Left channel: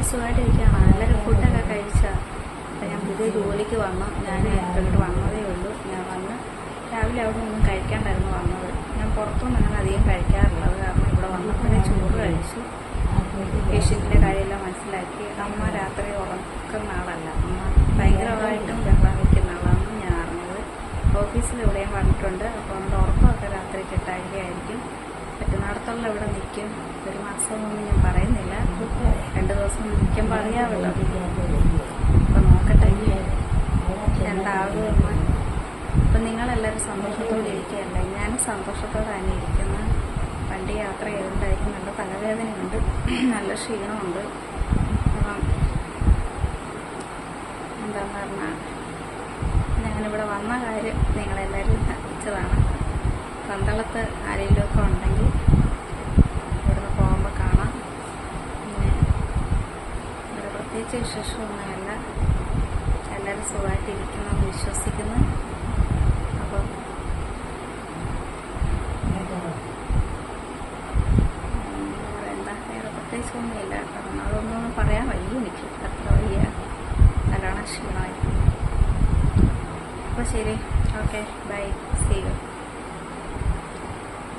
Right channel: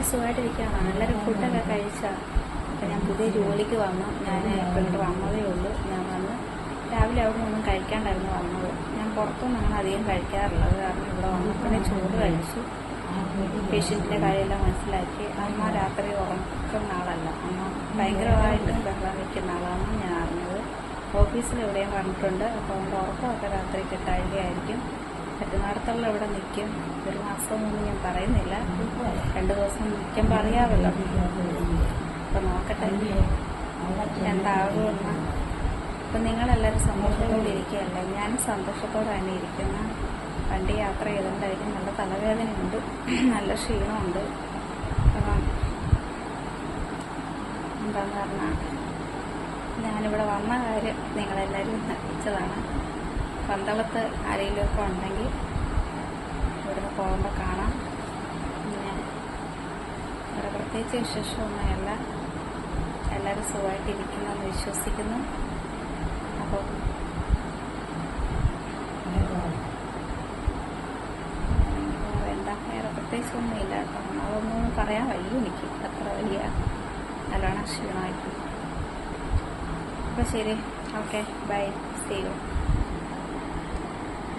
എല്ലാവരും സുഖമായിട്ടിരിക്കുകയാണ്. എല്ലാവരും ഫുഡൊക്കെ കഴിച്ചാൽ. അപ്പം ഞാൻ പുതിയ ജോലിക്ക് വന്നു. ഞാൻ ഇങ്ങോട്ട് വന്നതേ ഉള്ളൂ. ഞാൻ വന്ന് രാവിലെ അവിടെ ഒന്നും കഴിക്കാണ്ടായിരുന്നു വന്നത്. ഞാൻ പുറത്തുനിന്ന് അങ്ങനെ അധികം കഴിക്കാറുള്ളത്. കാരണം ഇവിടെ വന്നപ്പോഴേ ചോറ് കഴിച്ചു. പേഷ്യൻറ്റിൻ്റെ കാര്യമെല്ലാം മനസ്സിലാക്കി. അമ്മ രാത്രി ഉറക്കുന്ന ആളല്ല. അമ്മ ഭയങ്കരമായിട്ടും ബഹളം വയ്ക്കുന്ന ആളാണെന്ന് ഞാൻ അറിഞ്ഞത്. ഓഫീസിൽ ഇവിടെയും പറഞ്ഞിട്ടുണ്ട്. അപ്പോൾ അതുകൊണ്ട് ഉറക്കമൊക്കെ രാത്രി കിട്ടാഴികയായിരിക്കും. പറ്റുന്നിടത്തുള്ള ഇവിടെ നിൽക്കും. ഒരു മാസമൊന്നും ഞാൻ പറയുന്നില്ല. 2 ദിവസം നിൽക്കുമ്പോൾ അറിയാമല്ലോ. അപ്പം നോക്കട്ടെ എന്താകുമെന്ന്. അപ്പം നിങ്ങളെല്ലാവരും സന്തോഷത്തോടെ ഇരിക്കുകയല്ലേ? ഞാനും സന്തോഷത്തോടെ തന്നെ ഇരിക്കുന്ന. വണ്ടി യാത്ര ചെയ്തുകൊണ്ടായിരിക്കും. നല്ല തലവേദനയുണ്ട്, നല്ല ക്ഷീണമുണ്ട്. അപ്പം എന്താണെന്ന് പറഞ്ഞാൽ ഞാനിവിടെ വന്ന കാര്യം നിങ്ങളെല്ലാവരും അറിയിച്ചതാണ്. പന്തളത്ത് ആരെങ്കിലുമൊക്കെ ഉണ്ടെങ്കിൽ ഇവിടുന്ന് പോകുമ്പോൾ കാണാം. പിന്നെ ഇവിടെ പ്രത്യേകിച്ച് വിശേഷമൊന്നുമല്ല. എല്ലാവരും സുഖമായിട്ടിരിക്കുന്നെന്ന് വിശ്വസിക്കുന്നു. അപ്പം വേറെ പ്രത്യേകിച്ചൊന്നുമില്ല. കാരണം അതൊന്നും പറയാൻ വയ്യ. എനിക്ക് അത്ര വലിയ നല്ലോണം ക്ഷീണമായി. അപ്പോൾ ശരി, ഓക്കെ, ബൈ, സീ യു.